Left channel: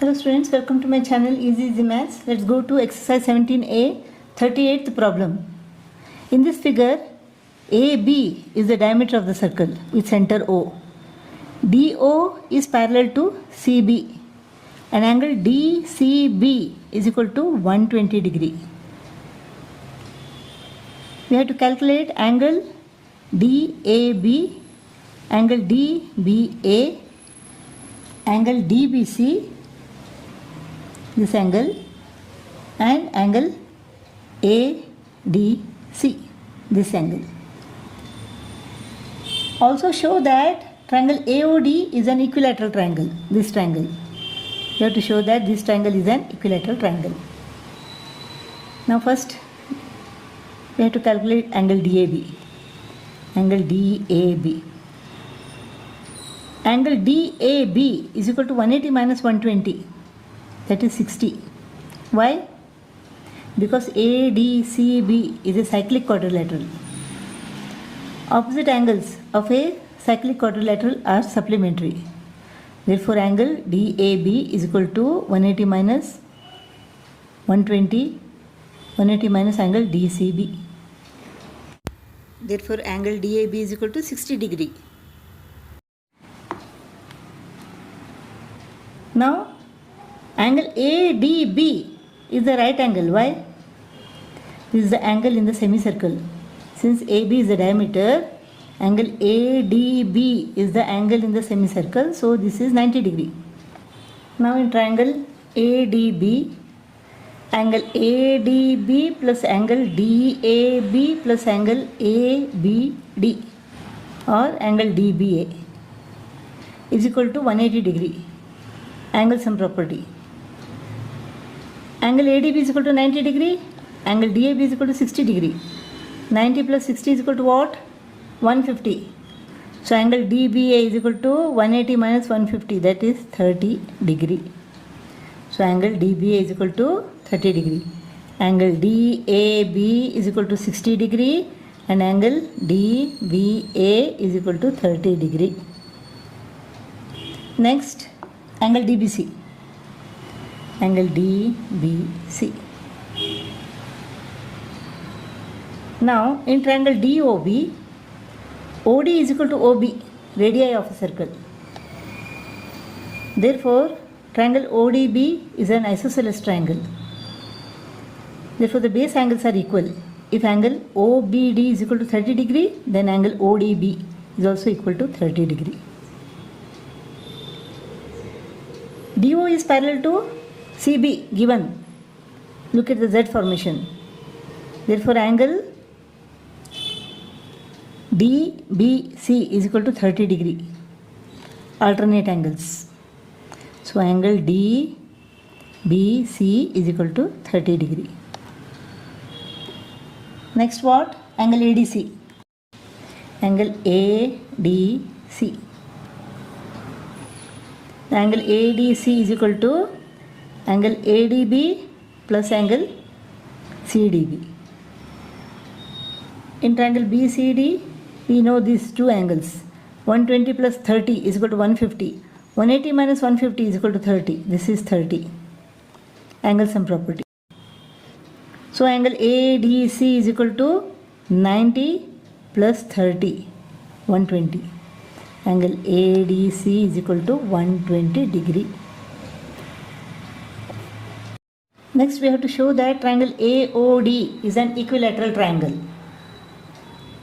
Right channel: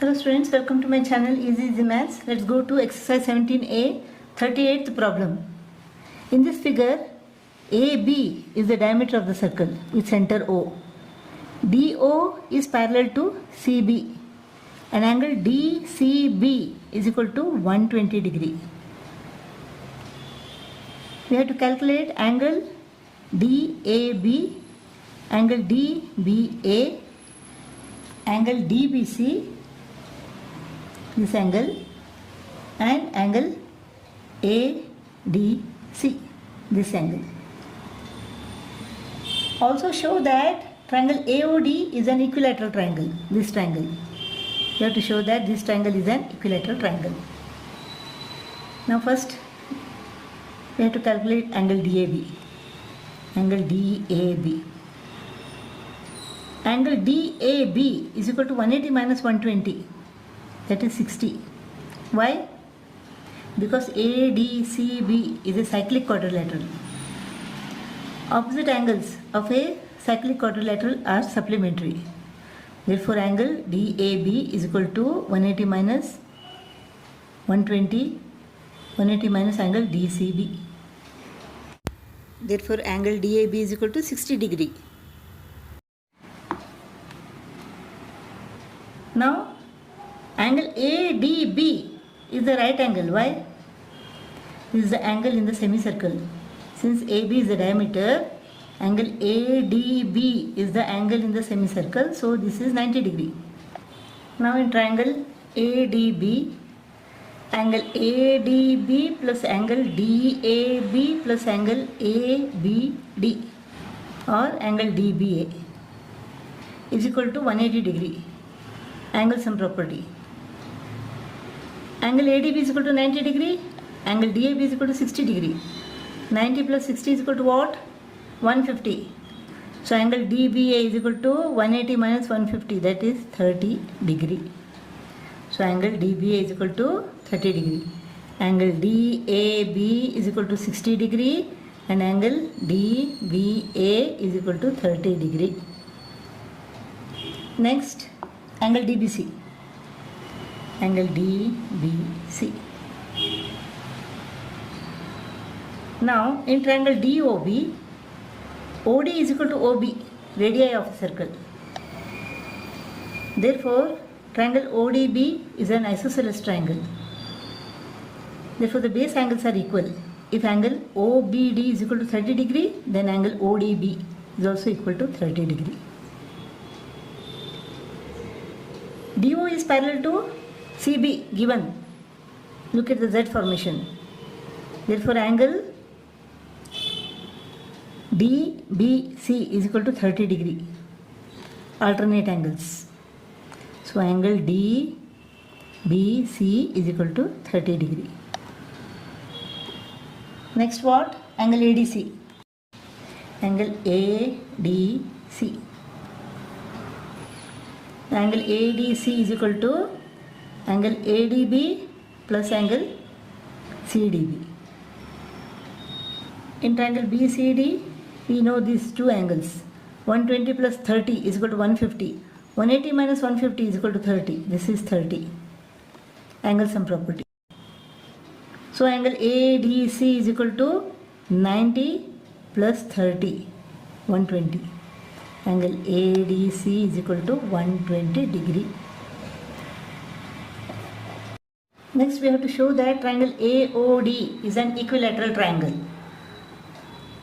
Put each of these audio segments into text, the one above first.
Hello students, welcome to my channel Easy Maths. Let's go to exercise 17a, 38th problem. In this figure, AB is the diameter of the circle with center O. DO is parallel to CB. An angle DCB is equal to 120 degree. We have to calculate angle DAB, angle DBA, angle DBC, this angle, and angle ADC, this angle. Also show that triangle AOD is an equilateral triangle, this triangle. You have to show that this triangle is an equilateral triangle. Now first we have to calculate angle DAB. Angle DAB. Angle DAB is equal to 180 minus 120. That is 60. Why? Because ADCB is a cyclic quadrilateral. Opposite angles of a cyclic quadrilateral are supplementary. Therefore, angle DAB is equal to 180 minus 120, 180 minus angle DCB. Therefore, angle DAB is equal to 60 degree. Now, angle ADB is the right angle. Why? This is the angle in the semicircle. Since AB is the diameter, angle ADB is the angle in the semicircle. So this is 90 degree. Now in triangle ADB, angle ADB plus angle DAB plus angle ABD or angle DBA is equal to 180 degree. Angle sum property. Angle ADB is equal to 90 degree. Angle DAB is equal to 60 degree. 90 plus 60 is equal to what? 150. So angle DBA is equal to 180 minus 150, that is 30 degree. So angle DBA is equal to 30 degree. Angle DAB is equal to 60 degree and angle DBA is equal to 30 degree. Next, angle DBC. Angle DBC. Now, in triangle DOB, OD is equal to OB, radii of a circle. Therefore, triangle ODB is an isosceles triangle. Therefore, the base angles are equal. If angle OBD is equal to 30 degree, then angle ODB is also equal to 30 degree. DO is parallel to CB given. Look at the Z formation. Therefore, angle DBC is equal to 30 degree. Alternate angles. So, angle DBC is equal to 30 degree. Next what? Angle ADC. Angle ADC. Angle ADC is equal to angle ADB plus angle CDB. In triangle BCD, we know these two angles. 120 plus 30 is equal to 150. 180 minus 150 is equal to 30. This is 30. Angle sum property. So angle ADC is equal to 90 plus 30, 120. Angle ADC is equal to 120 degree. Next we have to show that triangle AOD is an equilateral triangle.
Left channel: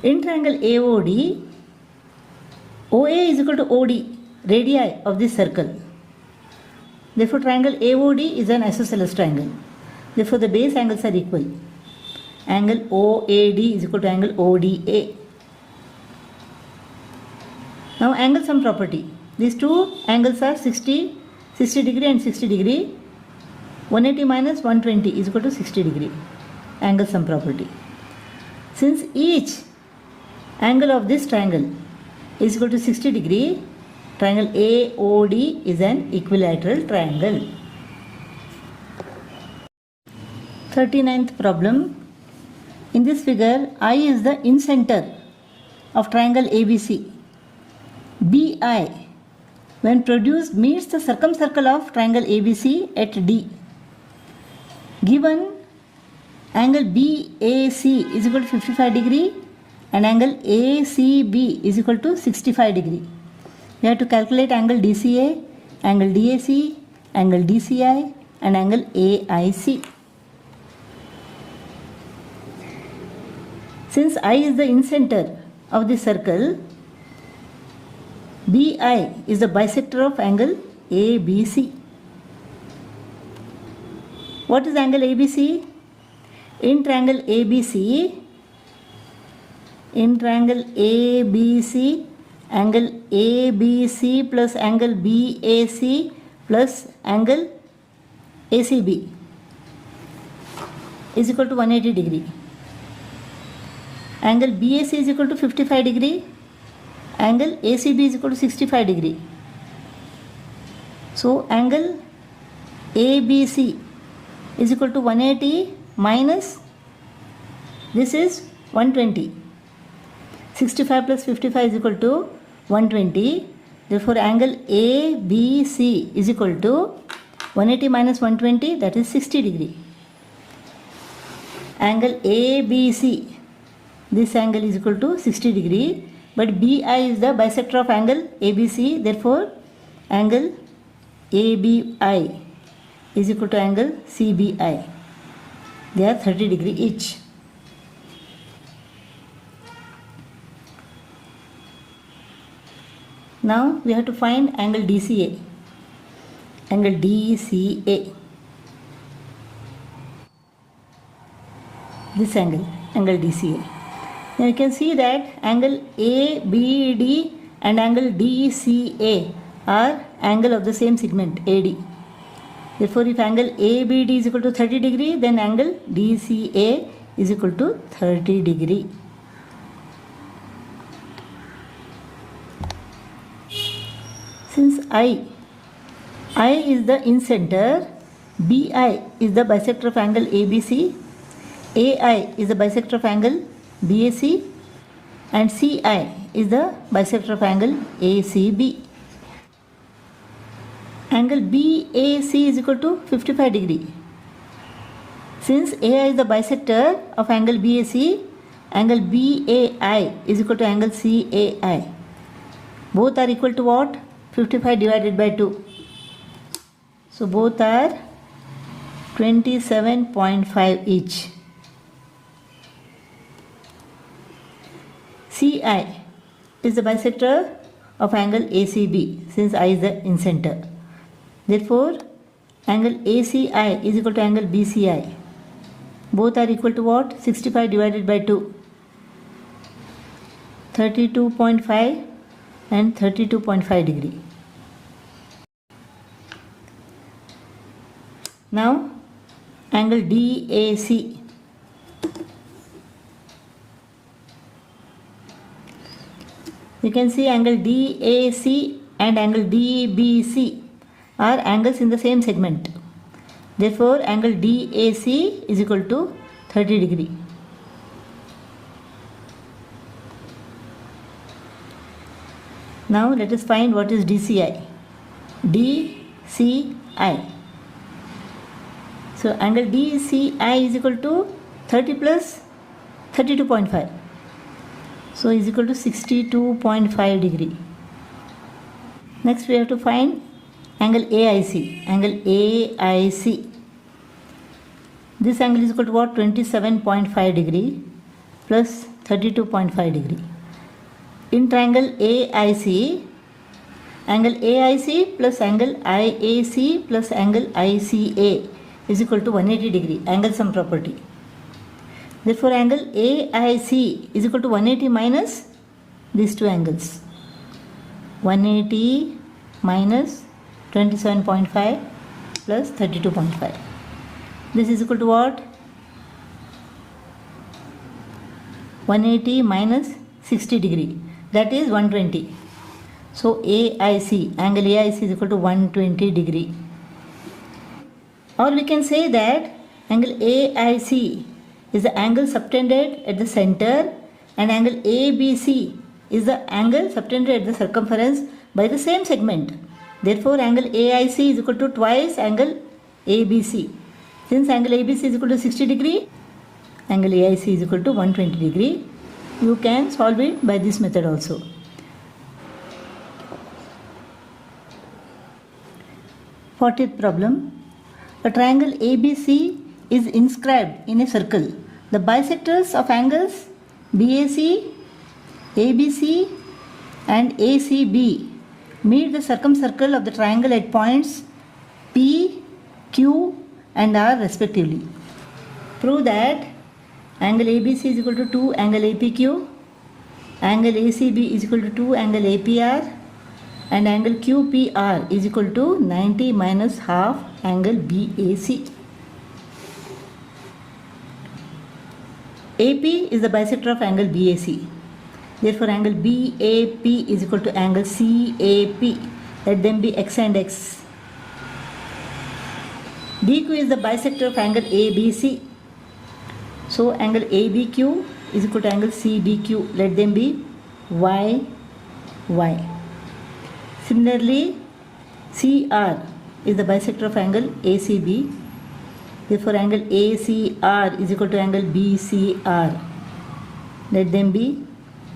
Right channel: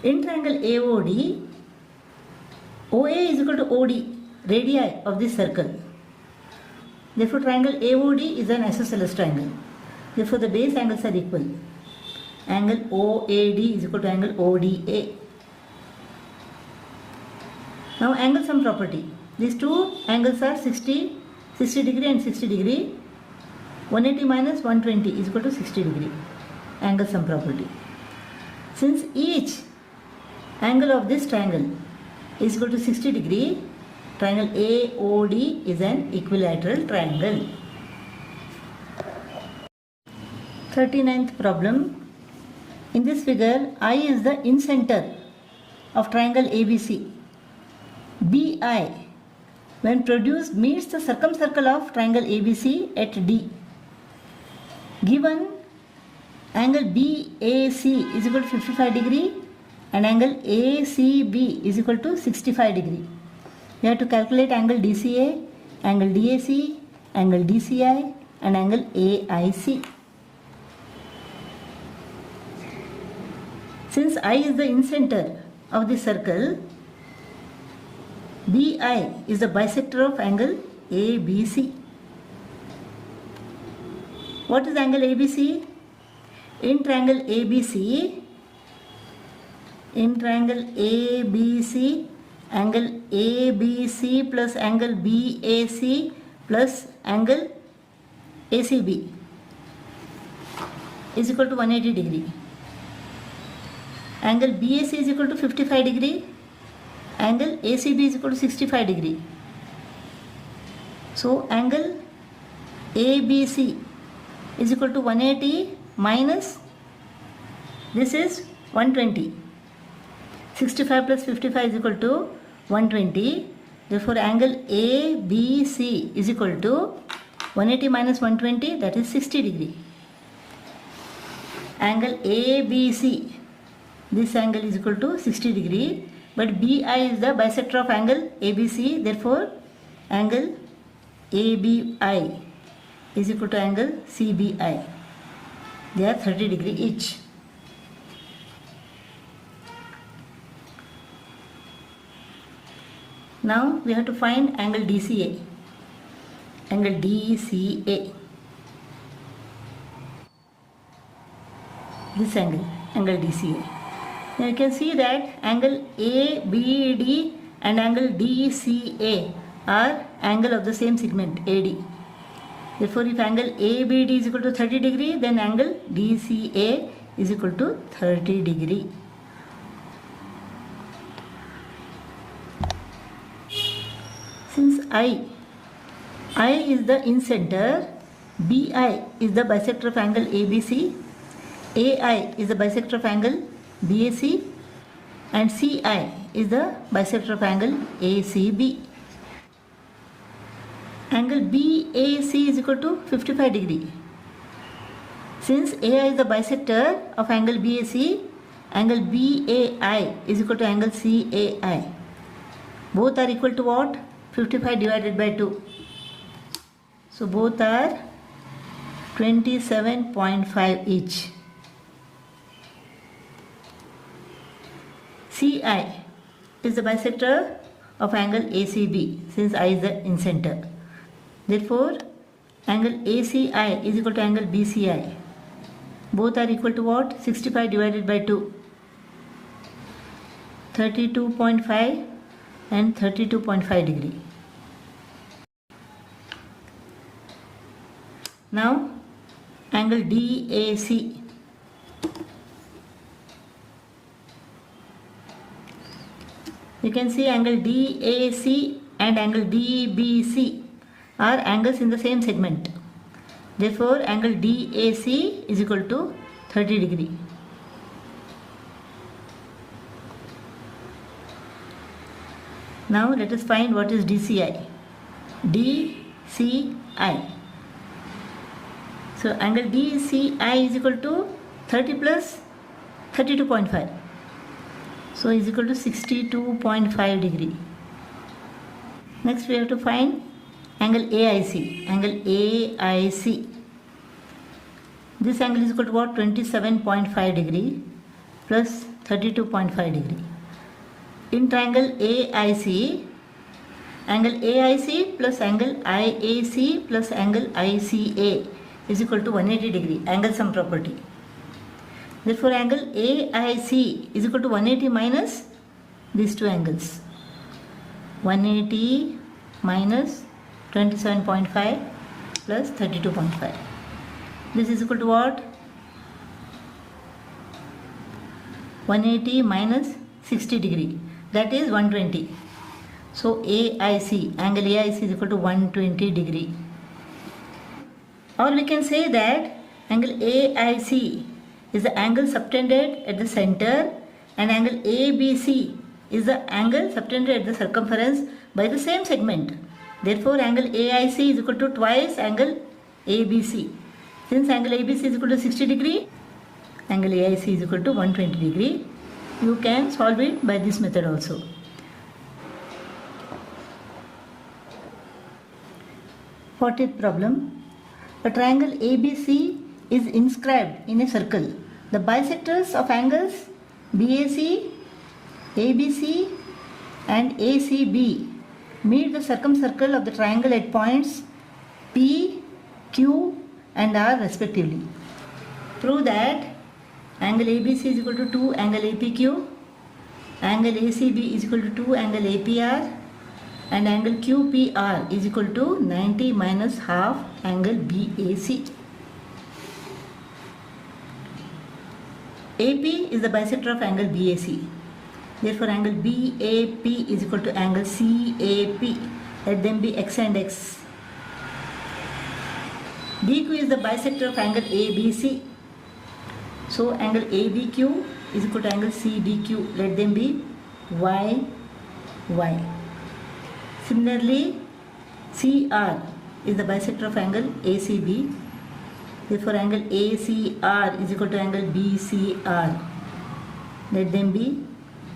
In triangle AOD, OA is equal to OD, radii of this circle. Therefore, triangle AOD is an isosceles triangle. Therefore, the base angles are equal. Angle OAD is equal to angle ODA. Now, angle sum property. These two angles are 60 degree and 60 degree. 180 minus 120 is equal to 60 degree. Angle sum property. Since each angle of this triangle is equal to 60 degree, triangle AOD is an equilateral triangle. 39th problem. In this figure, I is the incenter of triangle ABC. BI when produced meets the circumcircle of triangle ABC at D. Given angle BAC is equal to 55 degree and angle ACB is equal to 65 degree. We have to calculate angle DCA, angle DAC, angle DCI and angle AIC. Since I is the incenter of the circle, BI is the bisector of angle ABC. What is angle ABC? In triangle ABC, angle ABC plus angle BAC plus angle ACB is equal to 180 degree. Angle BAC is equal to 55 degree. Angle ACB is equal to 65 degree. So angle ABC is equal to 180 minus this is 120. 65 plus 55 is equal to 120. Therefore angle ABC is equal to 180 minus 120, that is 60 degree. Angle ABC, this angle is equal to 60 degree, but BI is the bisector of angle ABC, therefore angle ABI is equal to angle CBI. They are 30 degree each. Now we have to find angle DCA. Angle DCA. This angle DCA. Now you can see that angle ABD and angle DCA are angle of the same segment AD. Therefore, if angle ABD is equal to 30 degree, then angle DCA is equal to 30 degree. Since I is the incenter, BI is the bisector of angle ABC, AI is the bisector of angle BAC and CI is the bisector of angle ACB. Angle BAC is equal to 55 degree. Since AI is the bisector of angle BAC, angle BAI is equal to angle CAI. Both are equal to what? 55 divided by 2. So both are 27.5 each. CI is the bisector of angle ACB since I is the incenter. Therefore, angle ACI is equal to angle BCI. Both are equal to what? 65 divided by 2. 32.5 and 32.5 degree. Now, angle DAC. You can see angle DAC and angle DBC are angles in the same segment. Therefore, angle DAC is equal to 30 degree. Now, let us find what is DCI. DCI. So, angle DCI is equal to 30 plus 32.5. So, is equal to 62.5 degree. Next, we have to find angle AIC. Angle AIC. This angle is equal to what? 27.5 degree plus 32.5 degree. In triangle AIC, angle AIC plus angle IAC plus angle ICA is equal to 180 degree. Angle sum property. Therefore, angle AIC is equal to 180 minus these two angles. 180 minus 27.5 plus 32.5. This is equal to what? 180 minus 60 degree. That is 120. So, AIC, angle AIC is equal to 120 degree. Or we can say that angle AIC is the angle subtended at the center and angle ABC is the angle subtended at the circumference by the same segment. Therefore, angle AIC is equal to twice angle ABC. Since angle ABC is equal to 60 degree, angle AIC is equal to 120 degree. You can solve it by this method also. 40th problem. A triangle ABC is inscribed in a circle. The bisectors of angles BAC, ABC and ACB meet the circumcircle of the triangle at points P, Q and R respectively. Prove that angle ABC is equal to 2 angle APQ, angle ACB is equal to 2 angle APR and angle QPR is equal to 90 minus half angle BAC. AP is the bisector of angle BAC. Therefore, angle BAP is equal to angle CAP. Let them be X and X. DQ is the bisector of angle ABC. So, angle ABQ is equal to angle CDQ. Let them be Y, Y. Similarly, CR is the bisector of angle ACB. Therefore, angle ACR is equal to angle BCR. Let them be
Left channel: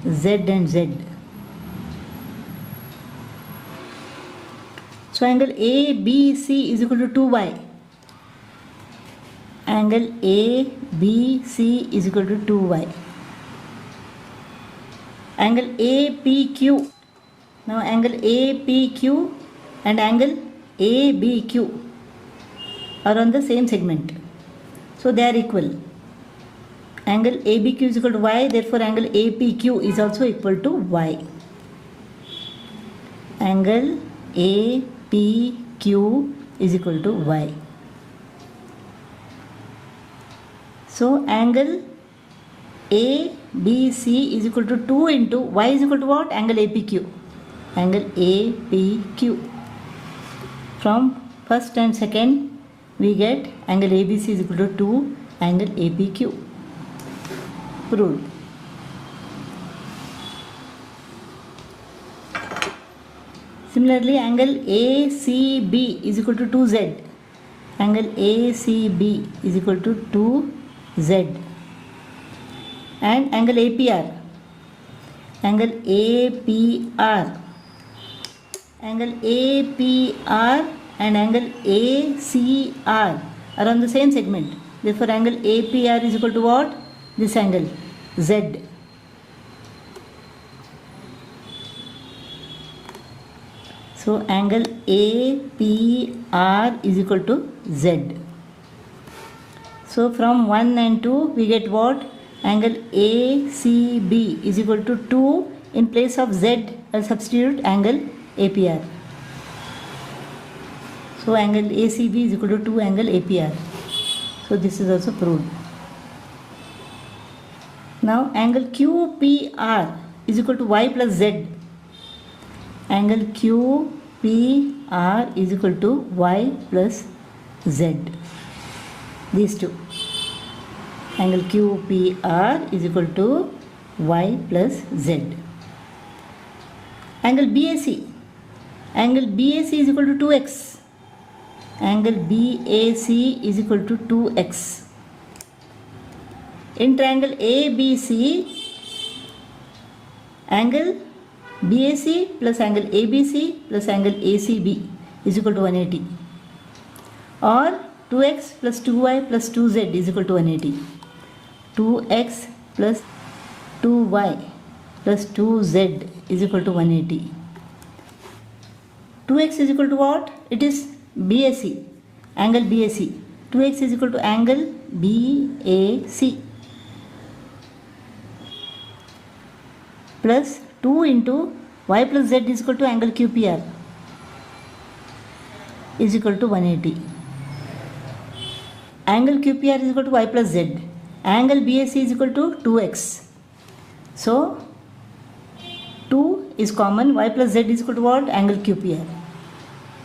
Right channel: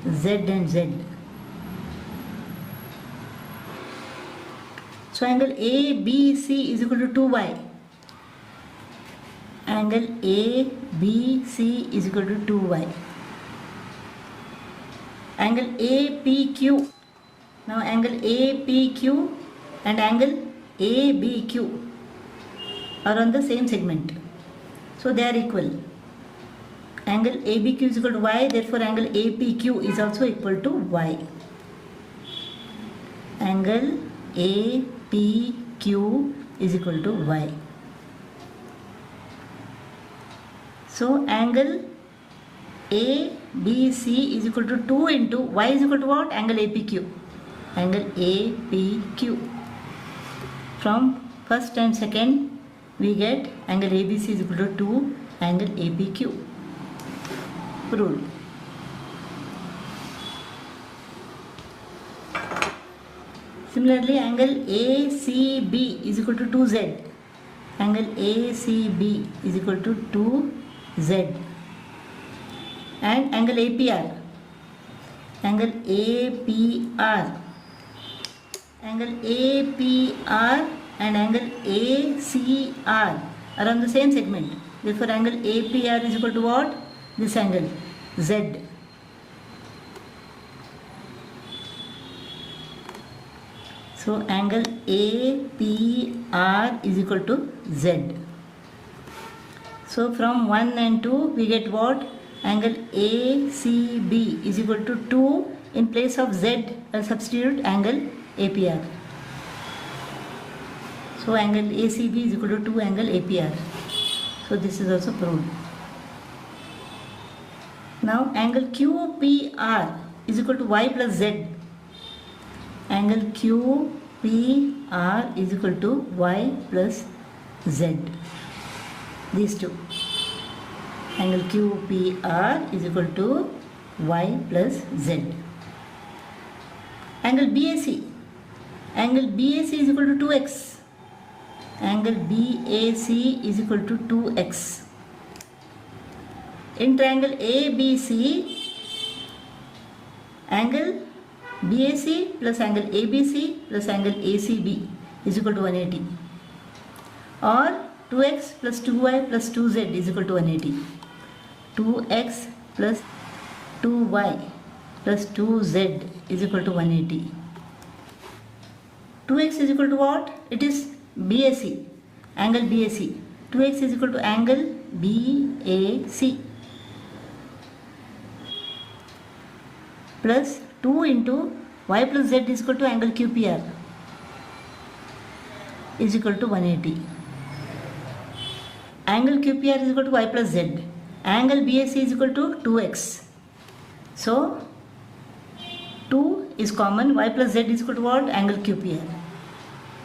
Z and Z. So, angle ABC is equal to 2Y. Angle ABC is equal to 2Y. Angle APQ. Now, angle APQ and angle ABQ are on the same segment. So, they are equal. Angle ABQ is equal to Y, therefore angle APQ is also equal to Y. Angle APQ is equal to Y. So, angle ABC is equal to 2 into Y is equal to what? Angle APQ. Angle APQ. From first and second, we get angle ABC is equal to 2 angle APQ. Proved. Similarly, angle ACB is equal to 2Z. Angle ACB is equal to 2Z. And angle APR. Angle APR. Angle APR and angle ACR are on the same segment. Therefore, angle APR is equal to what? This angle Z. So, angle APR is equal to Z. So, from 1 and 2 we get what? Angle ACB is equal to 2. In place of Z, I'll substitute angle APR. So, angle ACB is equal to 2 angle APR. So, this is also proved. Now, angle QPR is equal to Y plus Z. Angle QPR is equal to Y plus Z. These two. Angle QPR is equal to Y plus Z. Angle BAC. Angle BAC is equal to 2x. Angle BAC is equal to 2x. In triangle ABC, angle BAC plus angle ABC plus angle ACB is equal to 180. Or 2x plus 2y plus 2z is equal to 180. 2x plus 2y plus 2z is equal to 180. 2x is equal to what? It is BAC, angle BAC. 2x is equal to angle BAC plus 2 into y plus z is equal to angle QPR is equal to 180. Angle QPR is equal to y plus z. Angle BAC is equal to 2x. So, 2 is common. Y plus z is equal to what? Angle QPR.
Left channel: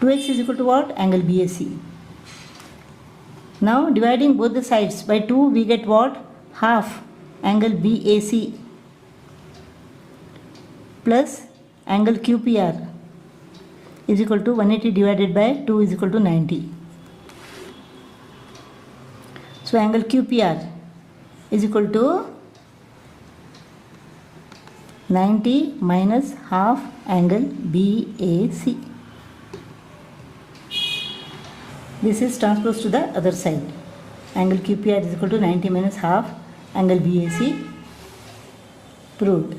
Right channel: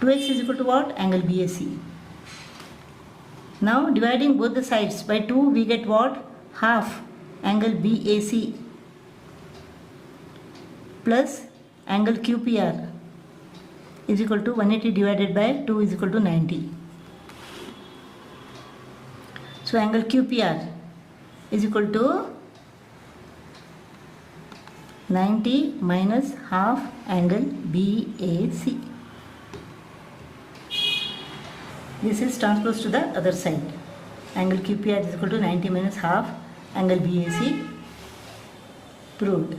2x is equal to what? Angle BAC. Now, dividing both the sides by 2, we get what? Half angle BAC plus angle QPR is equal to 180 divided by 2 is equal to 90. So angle QPR is equal to 90 minus half angle BAC. This is transposed to the other side. Angle QPR is equal to 90 minus half angle BAC. Proved.